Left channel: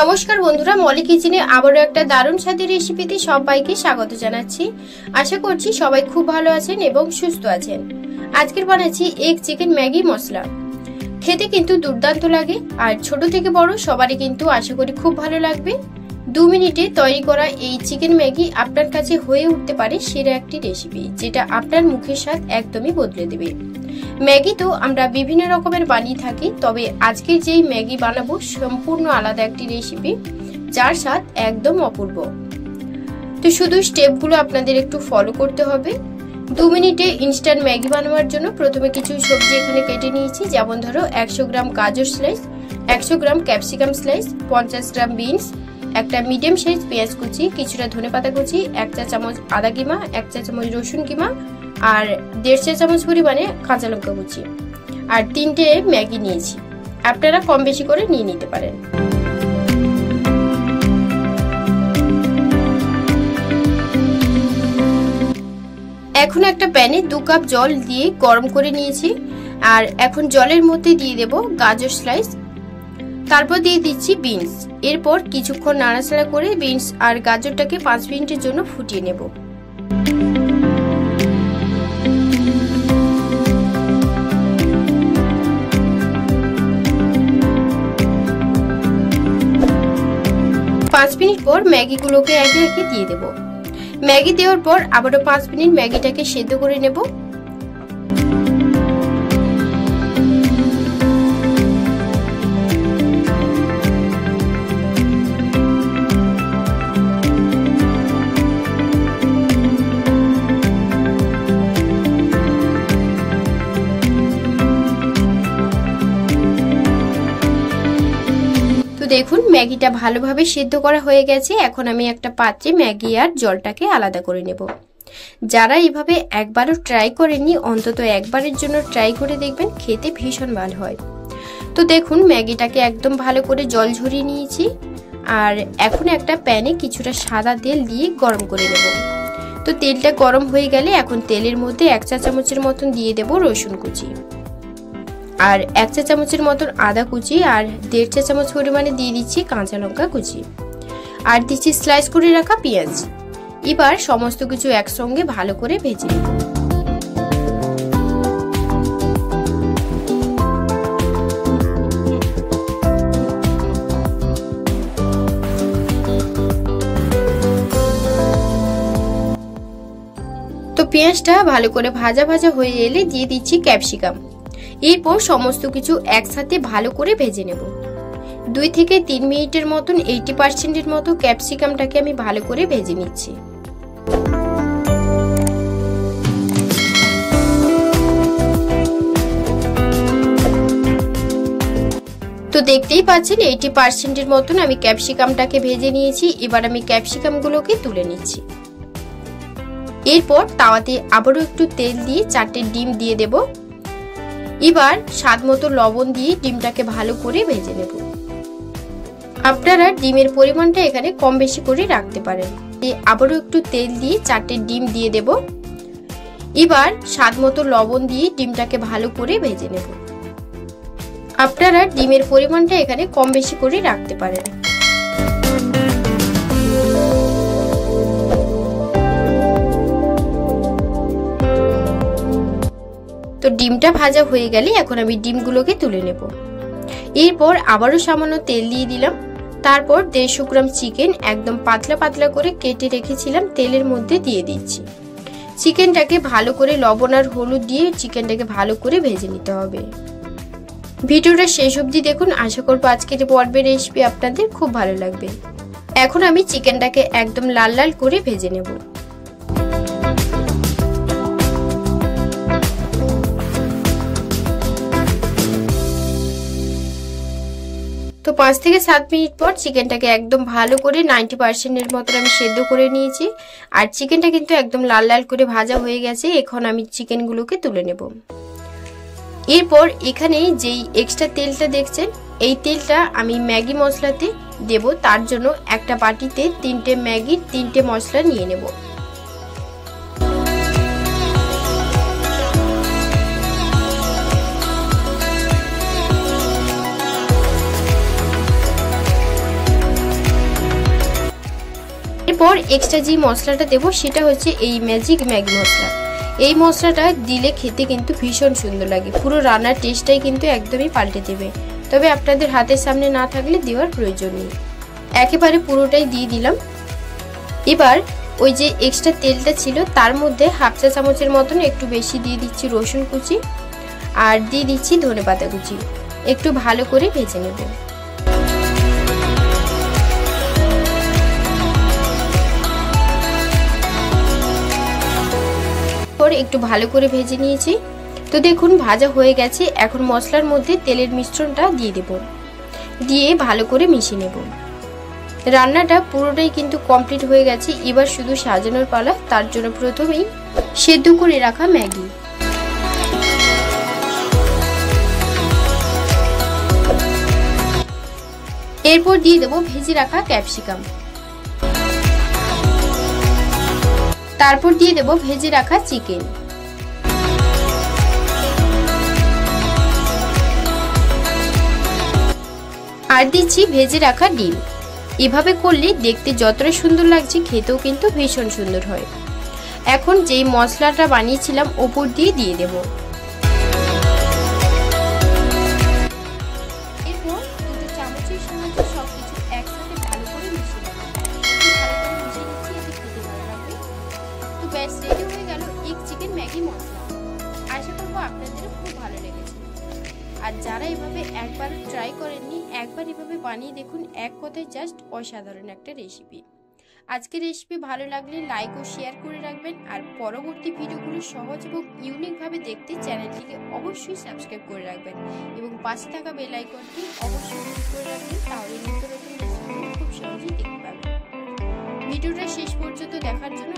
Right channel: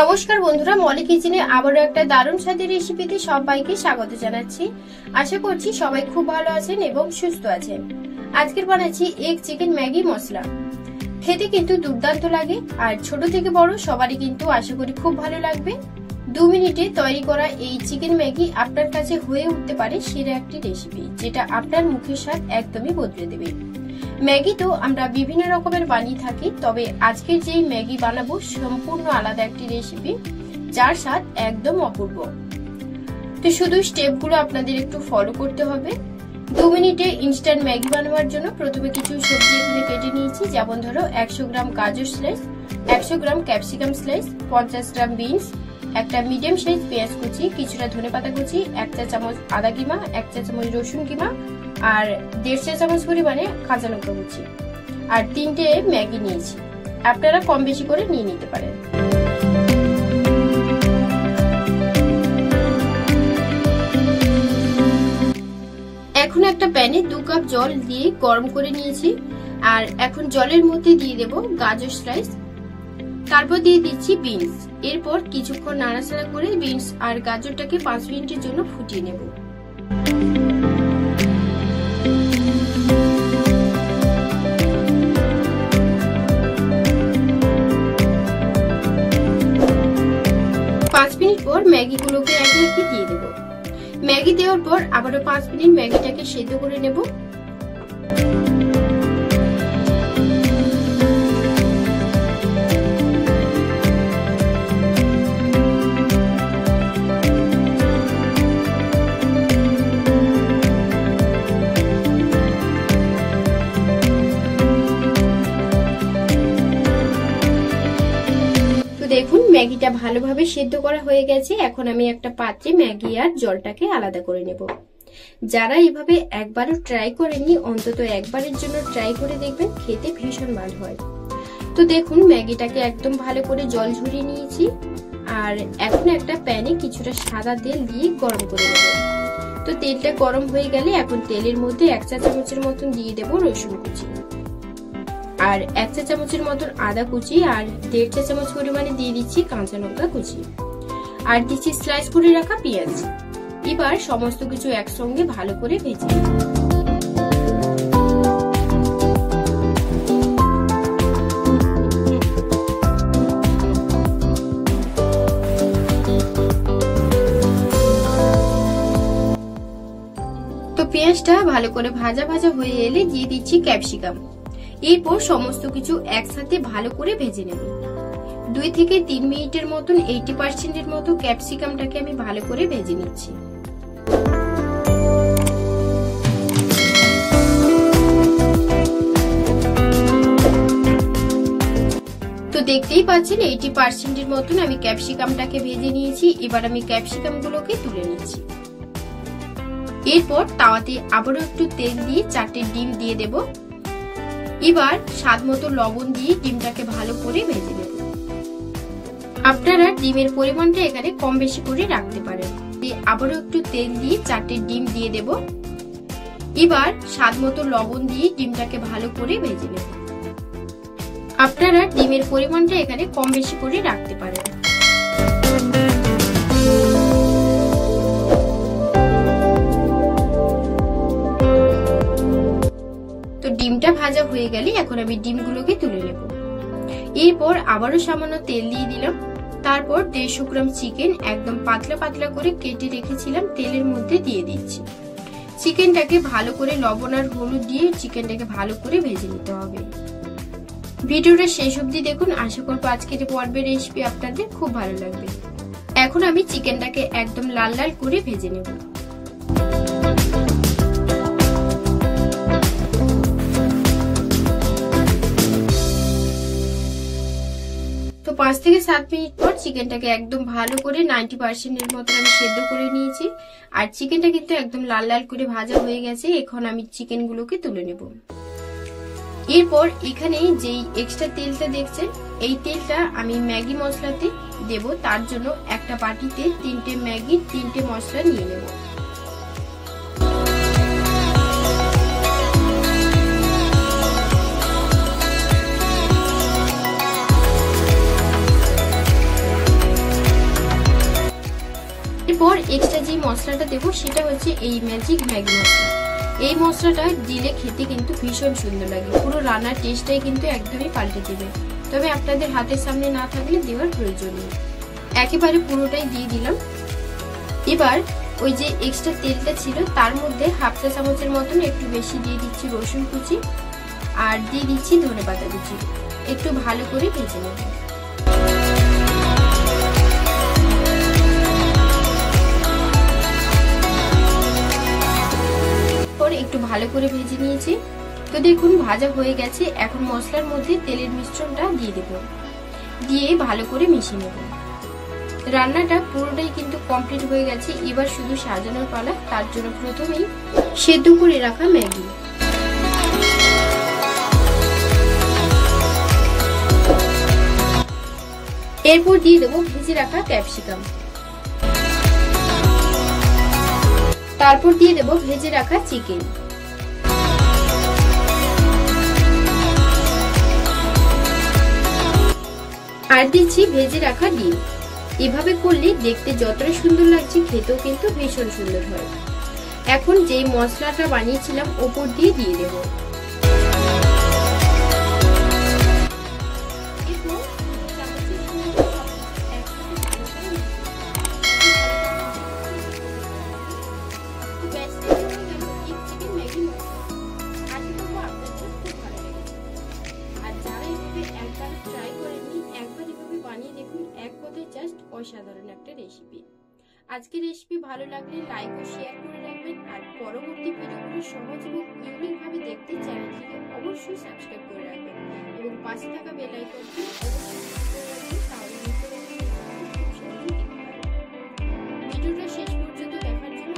নমস্কার বন্ধুরা, মলি কিচেনে আবারও একটা দারুণ স্বাদের রেসিপিতে সবাইকে স্বাগত জানাচ্ছি। আশা করছি সবাই খুব ভালো আছেন এবং সুস্থ আছেন। আজকের বানাচ্ছি এগ চিকেন ম্যাগি মশলা। খেতে কিন্তু দুর্দান্ত লাগে আর ছোট থেকে বড় সবারই কিন্তু আশা করি খুব ভালো লাগবে। 2 মিনিটে তৈরি করা এই চিকেন ম্যাগি আপনার কাছে হয়ে উঠতে পারে সেরা একটি রেসিপি, যেটা আপনার মুখের স্বাদ একদমই বদলে দেবে। ম্যাগি তো আমরা বিভিন্ন রকমের বানিয়ে থাকি, তবে আজকে যেই ম্যাগি বানাবো সম্পূর্ণ আলাদা একটি রেসিপি, যার স্বাদ একদম অপূর্ব। তো শুধু স্টেপগুলো আপনাদের একটু ফলো করতে হবে। 2 মিনিটে ইনস্ট্যান্ট ম্যাগি বানানোর জন্য প্রথমে কিছু সবজি এখানে কেটে নিয়েছি, যেমন ধরো 100 গ্রাম গাজর স্লাইস, 100 গ্রাম ক্যাপসিকাম স্লাইস, 50 গ্রাম বিনস, একটা মিডিয়াম সাইজ পেঁয়াজ কুচি, কিছুটা ধনেপাতা কুচি, 1 চা চামচ আদা কিমা, 1 চা চামচ রসুন কিমা আর 1.5 চা চামচ পরিমাণে কাঁচা লঙ্কা কুচি আর 3টে ম্যাগি নিয়েছি। আপনারা কম বেশি করে নিয়ে নিতে পারেন। এখন একটা প্যানে 2 কাপ জল দিয়ে গরম করে নিয়েছি আর এখন জলের মধ্যে দিয়ে দেব গাজর স্লাইস, তারপর দিয়ে দিচ্ছি বিনস। এরপর কিছুক্ষণ নাড়াচাড়া করে বিনস আর গাজরটাকে 5 মিনিটের জন্য ফুটিয়ে নেব। মিনিট পর ম্যাগিগুলোকে একে একে দিয়ে দেব। ম্যাগি দেওয়ার পর আবারও 5 মিনিট ম্যাগিটাকে সেদ্ধ করে নেব। দেখুন ম্যাগিটা ভালোভাবে সিদ্ধ করা হয়ে গেছে। এখন আমি একটা পাত্রে ম্যাগি আর জলটাকে আলাদা করে নেব। যারা এইভাবে একবারও ট্রাই করেননি, অন্তত একবারের জন্য ট্রাই করে দেখবেন, খেতে ভীষণ ভালো হয়। তো দেখুন ম্যাগিটাকে একদম ভালো করে জল ঝরিয়ে নিয়েছি আর এখন একটা প্যানে কিছুটা সাদা তেল দিয়ে গরম করে নেব। তো তেলটা গরম হয়ে গেলে এখন তেলের মধ্যে 1 চা চামচের মতন দিয়ে দেব রসুন কুচি আর 1 চা চামচের মতন আদা কুচি আর 1.5 চা চামচ পরিমাণে দিয়ে দিচ্ছি কাঁচা লঙ্কা কুচি আর দিচ্ছি স্লাইস করে রাখা পেঁয়াজ। এবার সমস্ত কিছু একসঙ্গে ভালো করে ভেজে নেব। তো পেঁয়াজটা ভালো করে ভাজা ভাজা হয়ে এলে দিয়ে দিচ্ছি ক্যাপসিকাম। এরপর সমস্ত কিছু একসাথে ভালো করে ভেজে নেব। 2 থেকে 3 মিনিটের মতন 80% মতো ক্যাপসিকামটাকে আমি ভালো করে ভেজে নিচ্ছি। তো দেখতেই পাচ্ছেন 80% মতন আমি ক্যাপসিকামটাকে ভেজে নিয়েছি। এবার আমি ক্যাপসিকামগুলোকে তুলে নিচ্ছি। এরপর তাওয়াতে আবারও একটু তেল দিয়ে 4টে ডিম দিয়ে দেব। এবার স্বাদ মতো লবণ দিয়ে ডিমটাকে ভালো করে ভেজে নেব। আপনারা ডিমের পরিমাণটা এখানে কম বেশি করে রাখতে পারেন। আবারও একটু তেল দিয়ে 4টে ডিম দিয়ে দেব। এবার স্বাদ মতো লবণ দিয়ে ডিমটাকে ভালো করে ভেজে নেব। আপনারা ডিমের পরিমাণটা এখানে কম বেশি করে রাখতে পারেন। তো ডিমটা ভাজা হয়ে গেলে এখন আমি ডিমগুলোকে তুলে নেব। এরপর আবারও সামান্য তেল দিয়ে দিলাম। তারপর 150 গ্রাম চিকেন একদম পাতলা পাতলা করে কেটে রেখেছিলাম তেলের মধ্যে দিয়ে দিচ্ছি। চিকেনটাকে ভালো করে লবণ আর হলুদ দিয়ে চিকেনটাকে ভালো করে ভেজে নিতে হবে। ভিডিওটা শেষ অবধি দেখুন, আশা করব আজকের পর্বের রেসিপি আপনাদের খুব ভালো লাগবে। এখন আমি চিকেনটাকে একদম লাল লাল করে ভেজে নেব। তো 5 থেকে 7 মিনিট পর চিকেনটাকে একদম ভালো করে 90% মতো আমি সেদ্ধ করে নিয়েছি আর চিকেনটা কিন্তু একদম লাল লাল করে ভাজা হয়ে গেছে। এখন আমি চিকেনগুলোকে তুলে নেব। এরপর এখানে যেই এক্সট্রা তেলটা দেখছেন, এই তেলটা আমি ম্যাগি মশলাতে দেব। তার জন্য একটা বাটিতে 3টে ম্যাগি 3টে মশলা নিয়ে নেব। এক্সট্রা যে মশলাটা দেবো সেটা হচ্ছে এই ম্যাজিক ম্যাগি মশলা। এই মশলাটা দিলে খেতে কিন্তু ভীষণ সুন্দর লাগে, পুরো রান্নার টেস্টটাই কিন্তু একদমই পাল্টে দেবে। তবে আপনাদের হাতের সামনে না থাকলে দেওয়ার প্রয়োজন নেই। একেবারে পুরোটাই দিয়ে দিলাম। এবার ওই যে এক্সট্রা তেলটা ছিল তার মধ্যে হাফ চা চামচের মতন একটু বেশি দিয়ে দিচ্ছি রসুন কুচি আর দিয়ে দিচ্ছি ধনেপাতা কুচি। একটু ভালো করে ভেজে নেব। একটু ভালো করে ভেজে নিয়েছি। তো দেখুন ভাজা হয়ে গেছে। এখন মশলার মধ্যে তেলের মিশ্রণটা দিয়ে দেব, দিয়ে ভালো করে মিশিয়ে নেব। রান্নাটা পুরোটাই কিন্তু কমপ্লিট হয়ে গেছে। এবার শুধু সাজানোর পালা। তার জন্য প্রথমেই সেদ্ধ করে রাখা ম্যাগি, এরপর দিয়ে দেবো ভেজে রাখা ক্যাপসিকাম, তারপর দিয়ে দেবো ভেজে রাখা চিকেন, আর দিচ্ছি ভেজে রাখা ডিম। এভাবে করলে দেখতে যতটা সুন্দর লাগছে খেতেও কিন্তু ভীষণ সুন্দর হয়। এখন যে মশলাটা বানিয়েছিলাম উপর দিয়ে দেব। আর যারা এভাবে একবার ট্রাই করেননি, একবার এভাবে বানিয়ে দেখুন। এক কথায় জাস্ট অসাধারণ একটা রেসিপি। আজকের রেসিপি ভালো লাগলে লাইক ও শেয়ার করে রাখবেন। আর পরবর্তী ভিডিওগুলো সহজ এবং ইউনিক ভাবে দেখতে চ্যানেলটিকে অবশ্যই সাবস্ক্রাইব করে রাখবেন এবং পাশে থাকা বেল আইকনটি অবশ্যই ক্লিক করে রাখবেন, তাহলে খুব সহজেই দেখতে পাবেন। ভিডিওটা শেষ পর্যন্ত দেখার জন্য